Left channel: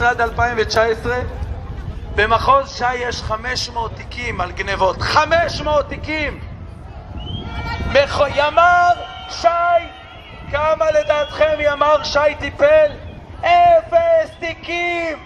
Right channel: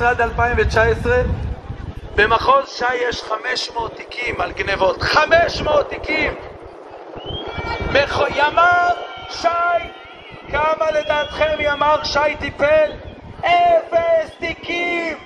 2017 עד 2019 במחוז ש"י יש 500 תיקים על גנבות. 500 תיקים! ימ"ר ש"י, כמה לדעתכם ימ"ר ש"י טיפל? 0 תיקים!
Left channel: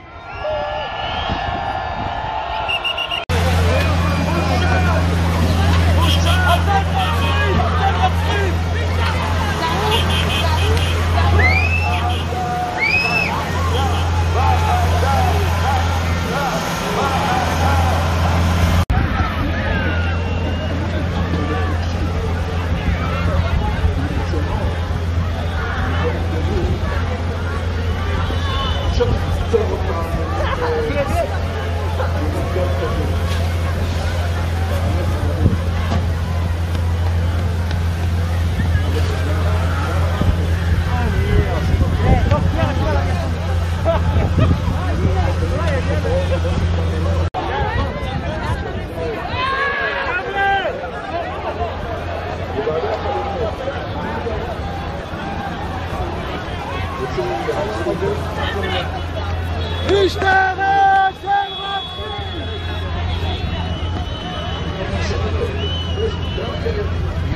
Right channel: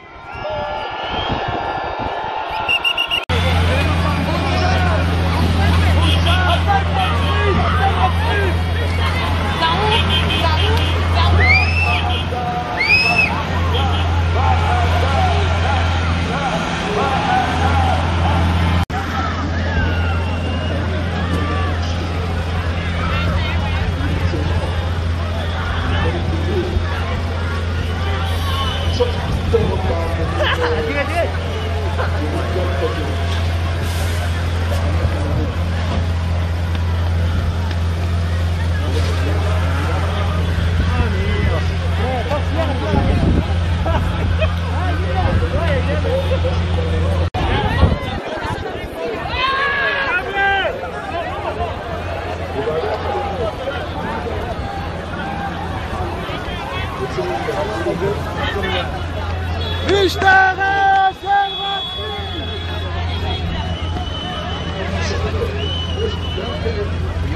משטרה של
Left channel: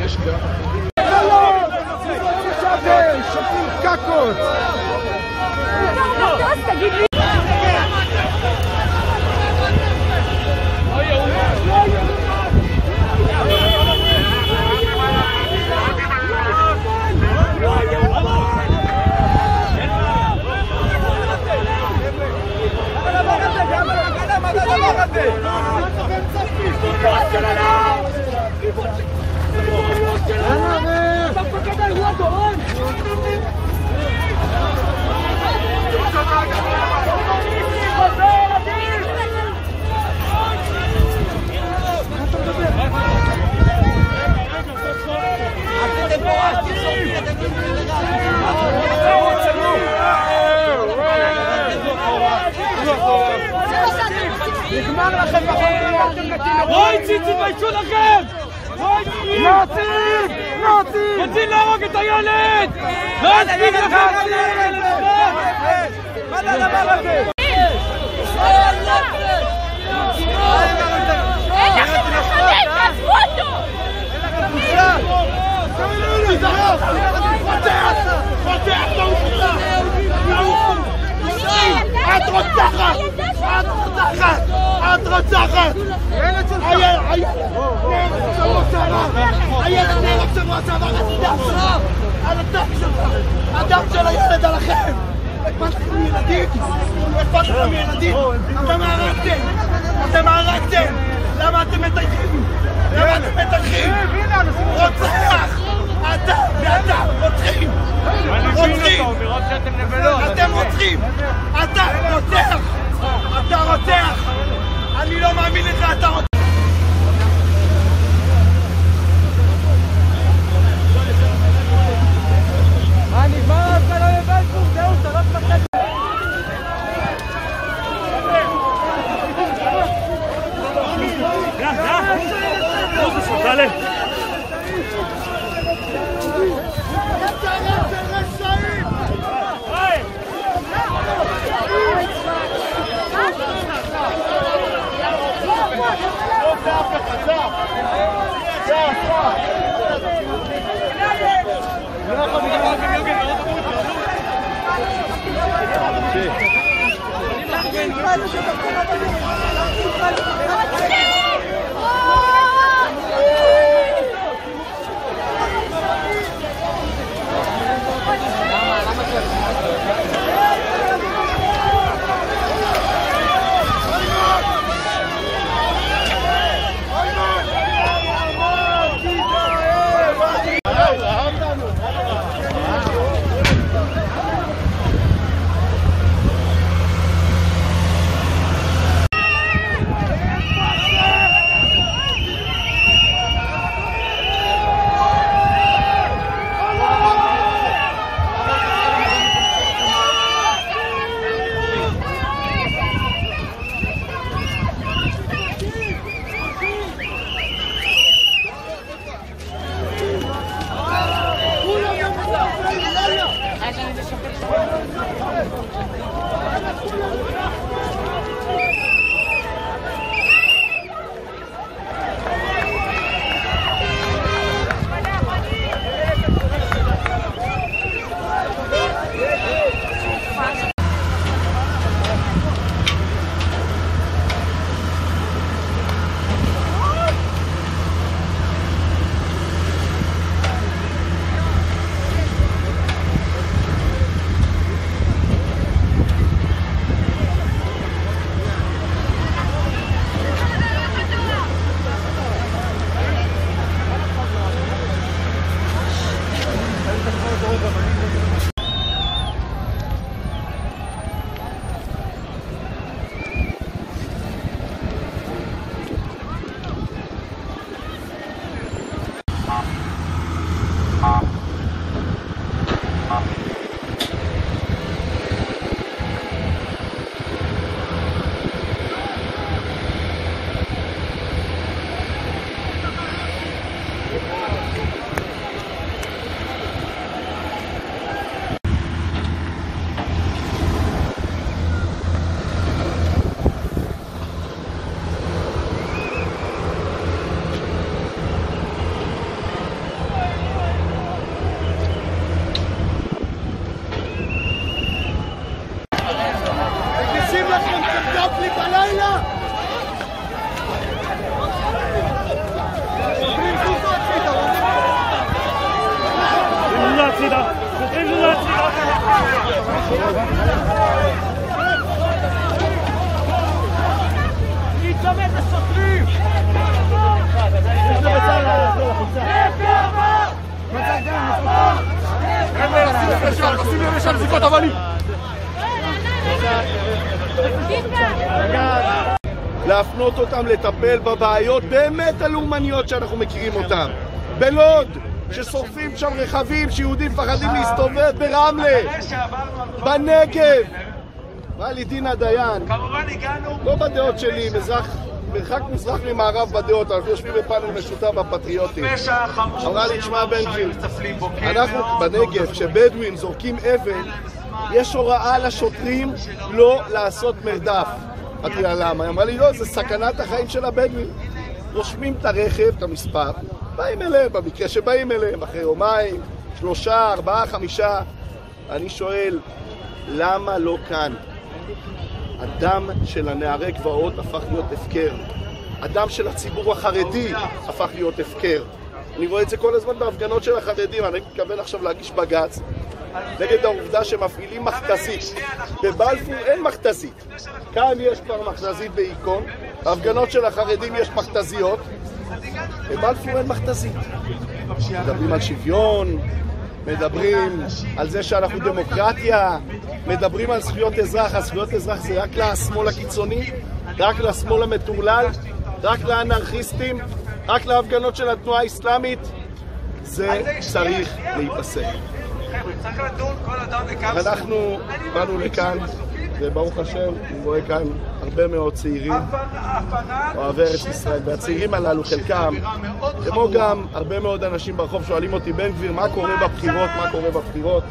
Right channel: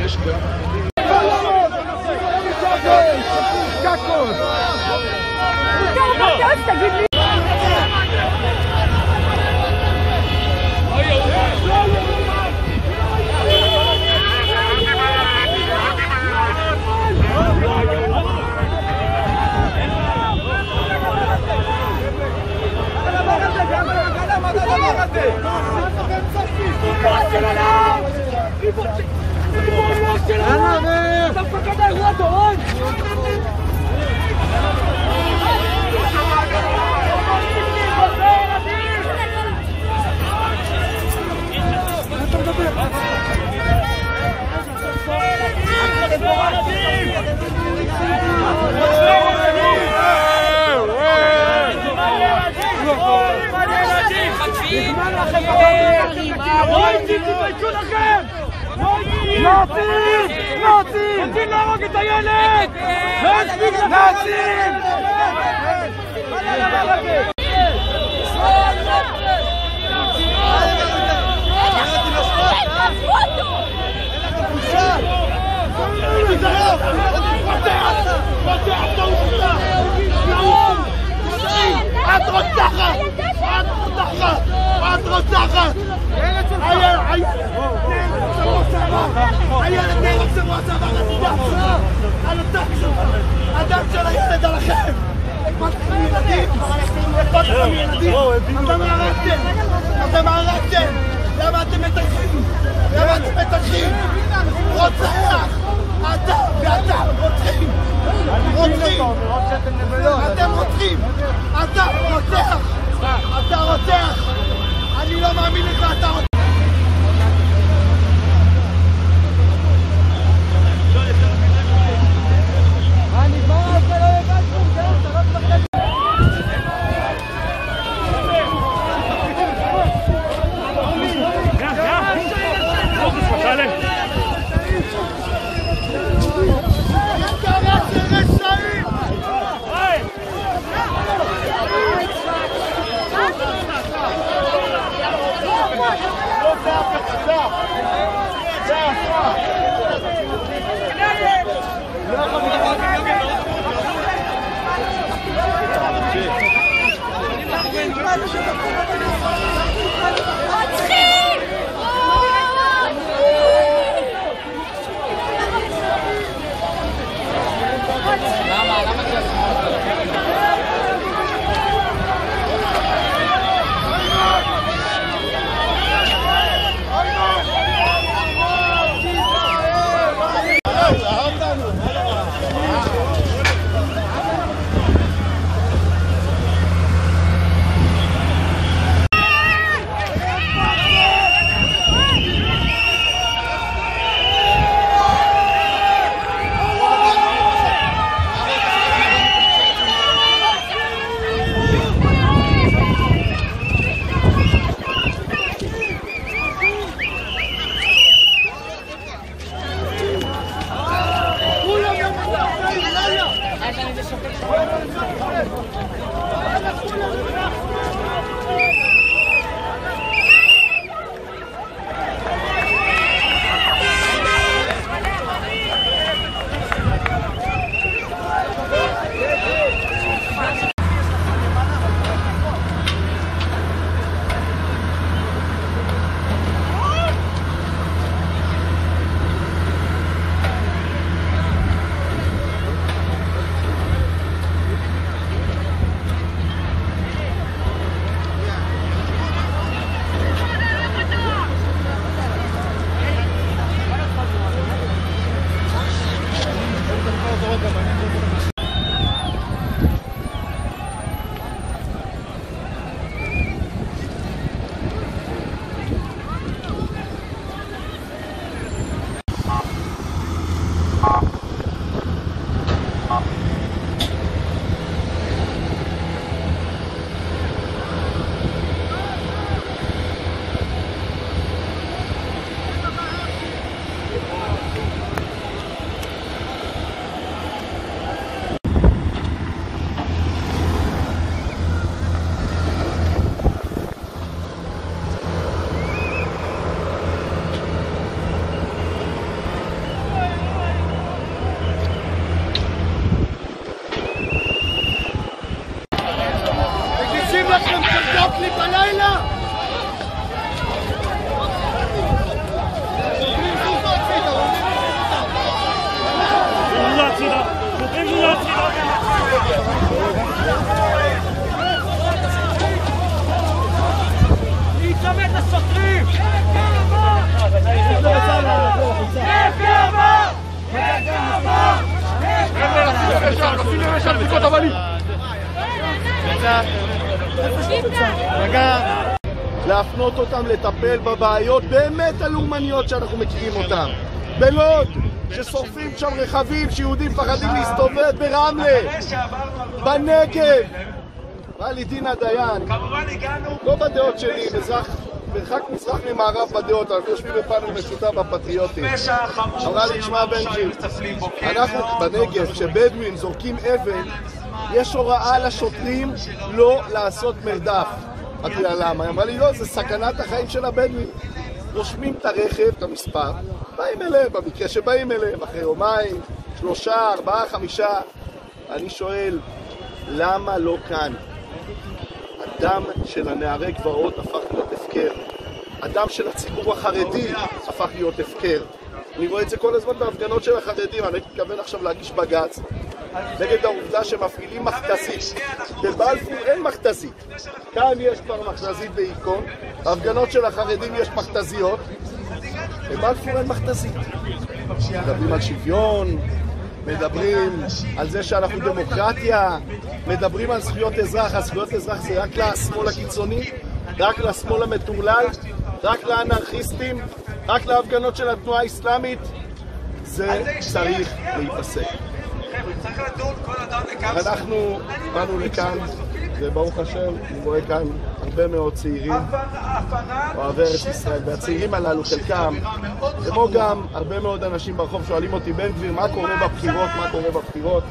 יש גם תגיד לי תתביישו לכם! רוצים להרוג את הילד! לא הספיק לכם! את רוצחת! את רוצחת! הילד נהרג שבוע שעבר, הדם שלך! על הדם שלך! הדם של הילד עליכם! אכפת לכם מילדים? אכפת לכם מילדים? אתם הרגתם! למה אתם מטייחים? למה אתם מטייחים? רוצח! אתה ואתה רוצחים! רוצחים! אתם רוצחים! אתה רוצח! אתה רוצח! אני לא מאמין לך, אתה רוצח! לכם תבדוק לי בלילה? להיצמד לשוטרים! להפנות אותם לטפל בבעיות באמת הלאומניות שאנחנו מכירים אותם. בלוד, ששורפים שם רכבים שיהודים פחדים להסתובב, ברמלה, בנגב. מה לי דינה דיין? לא בדעות שלי, מרחק מזרח ממערב בדעות, אנחנו יושבים בפאנל משותף בפטריוטים. אמרה לי, תשמע בן גביר, אנחנו בנגב, כשבדואים זורקים אבן, יש הוראה לשוטרים לא לעשות מרדף. אמרתי לה למה? היא אמרה לי, לא, זה סכנת החיים של הבדואים. רושמים את הרכב, את המספר, באים אליהם, במקרה שבאים אליהם, אחרי יומיים, 3, 4, 5. אני שואל, למה לא כאן? הדם של הנערי גבעות הפך להיות הפקר. הדם של הציבור החרדי הפך להיות הפקר. אני רואה את זה כל הזמן בהפגנות של החרדים. אני מתכוון עכשיו להגיש בג"ץ נגד העובדה שמפעילים מכתזית. בבלפור אין מכתזית. כאן יש כבר מכתזית בעיקון. בהפגנות של החרדים יש מכתזיות. בבלפור אין מכתזית. מדברים על שוויון, מדברים על זה שאנחנו דמוקרטיה, מדברים על זכויות אזרח. הזכויות אזרח זה רק לשמאל הקיצוני, רק לשמאל המטורלל, רק לאנרכיסטים, רק להפגנות של התנועה האסלאמית. זה צריך להיפסק. אנחנו באנו לכאן, וברוך השם, אני רואה כאן הרבה מאוד צעירים אוהבי ארץ ישראל, והצעירים הללו חלקם, כמו גם הרבה מאוד אנשים ברחוב שואלים אותי, בן גביר, מה קורה בבחירות, מה קורה בבחירות?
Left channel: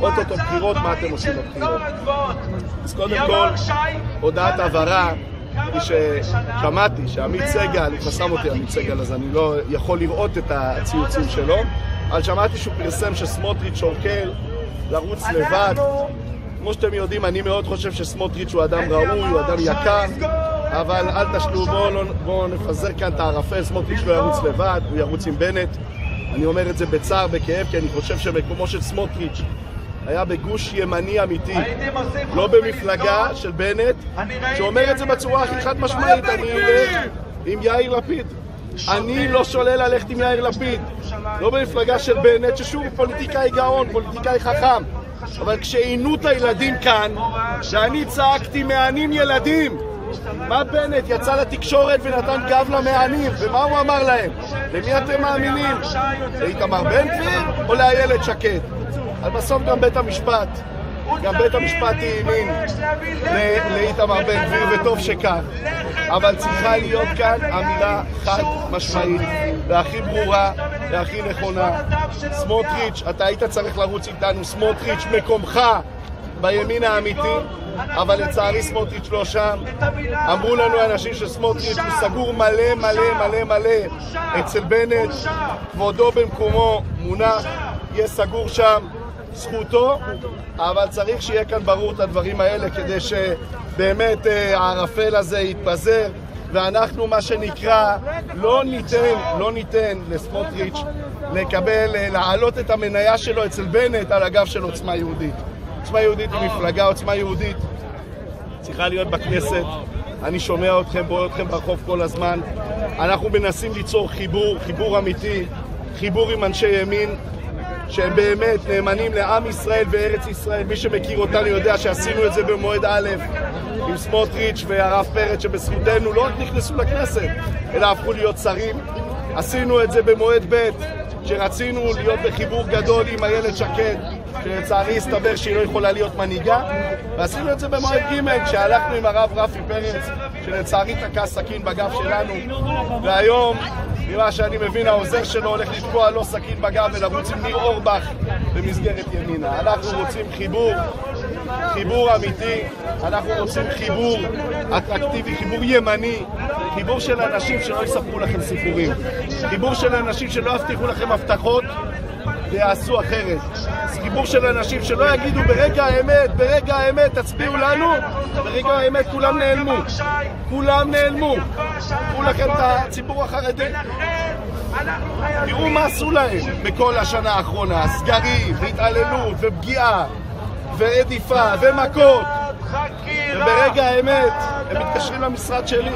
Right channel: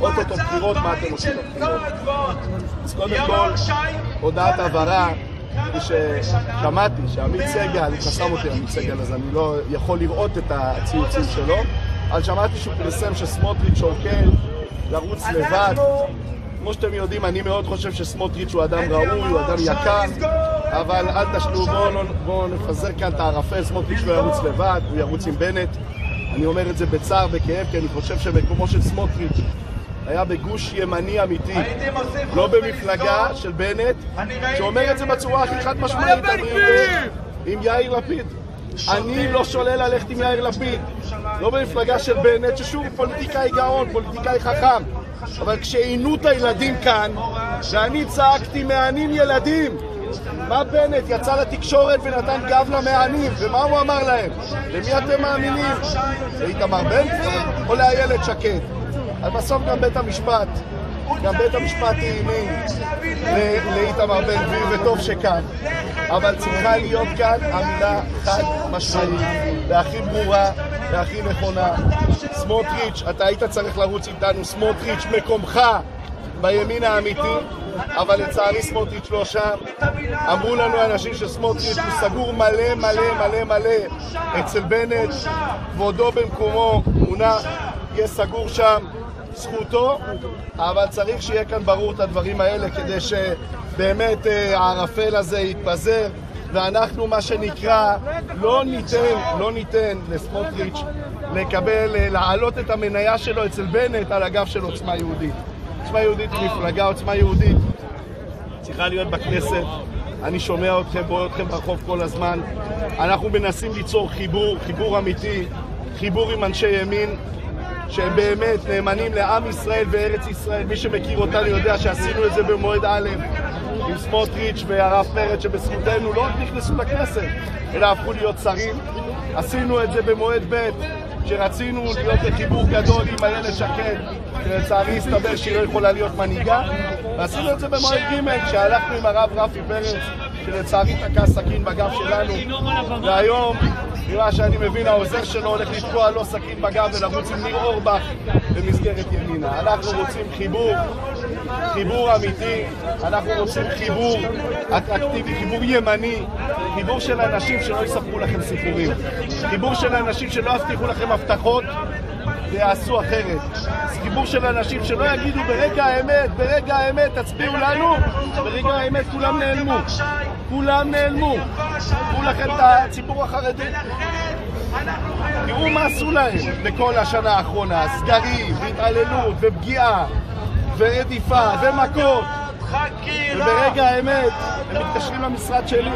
אוטוטו בחירות, מה אתם עושים בבחירות? אז קודם כל, הודעת הבהרה, ששמעתי שעמית סגל, הוא חסם אותי עמית סגל, אז אני לא יכול לראות את הציוצים שלו, אבל שמעתי שהוא פרסם שסמוטריץ' שוקל לרוץ לבד. כמו שאתם יודעים, אני מאוד חושב שסמוטריץ' הוא אדם ראוי, הוא אדם יקר, אבל אל תשלו, בואו נפזר כאן את הערפל. סמוטריץ' לא ירוץ לבד, הוא ירוץ עם בנט. אני אומר את זה בצער, בכאב, כי אני חושב שמקומו של סמוטריץ' היה בגוש ימני אמיתי, לא במפלגה של בנט, שאומר את זה בצורה הכי חד משמעית. אני אלך עם יאיר לפיד. אני לא שולל ללכת עם יאיר לפיד, לא במפלגה של בנט, ששוב פוליטיקאי גאון, פוליטיקאי חכם. אבל כשעינו את הילדים כאן, שאני צעקתי מענים ילדים, מה בנט יצא לתקשורת ונתן גב למענים, ומה הוא אמר להם? למי אתם מאמינים? לאיתמר בן גביר או לאיילת שקד? אז בסוף גם בית המשפט האמין לאיתמר בן גביר, וטוב שכך. אבל צריכה להיות כאן אמירה חד משמעית והכי ברורה והכי נכונה. סמוטריץ', אתה היית צריך לרוץ איתנו. סמוטריץ', מקומך בימין האמיתי, אבל לצערי סמוטריץ' לא שם. אמרו לנו אנשים שסמוטריץ' הוא סגור מלא מלא מלא מלא אצל בנט, כבודו במקומו מונח, יהיה סגור שם, זכותו, אבל צריך שיהיה כאן ברור את הדברים האלה כדי שבאמת הערפל הזה יתפזר, ואנחנו מה שנקרא לא ניתן לסמוטריץ' להעלות את המניה שלו אצל בנט על הגב של עוצמה יהודית. עוצמה יהודית היא מפלגה, עוצמה יהודית צריכה להיות בכנסת. אני שומע אתכם, רואה אתכם ברחוב כל הזמן. אנחנו מנסים ליצור חיבור אמיתי, חיבור עם אנשי ימין שהם באמת נאמנים לעם ישראל וארץ ישראל. מי שמכיר אותנו יודע שעשינו את זה במועד א' עם סמוטריץ' והרב פרץ, שבזכותנו לא רק נכנסו לכנסת אלא הפכו להיות שרים. עשינו את זה במועד ב' שרצינו להיות בחיבור גדול עם איילת שקד, שלצערי הסתבר שהיא לא יכולה להיות מנהיגה, ועשינו את זה במועד ג' כשהלכנו עם הרב רפי פרץ, שלצערי תקע סכין בגב שלנו, והיום נראה שאני מבין העוזר שלו הולך לתקוע לו סכין בגב ולרוץ עם ניר אורבך במסגרת ימינה. אנחנו רוצים חיבור אמיתי, אנחנו רוצים חיבור אטרקטיבי, חיבור ימני, חיבור של אנשים שלא יספרו לכם סיפורים, חיבור של אנשים שלא יבטיחו לכם הבטחות ויעשו אחרת. זה חיבור של אנשים שלא יגידו ברגע האמת תצביעו לנו, ברגע האמת כולם נעלמו. כולם נעלמו. תראו לכם את הציבור החרדי. תראו מה עשו להם בכל השנה האחרונה, סגרים, והתעללות, ופגיעה, ורדיפה, ומכות. וברגע האמת הם מתקשרים למשרד שלי.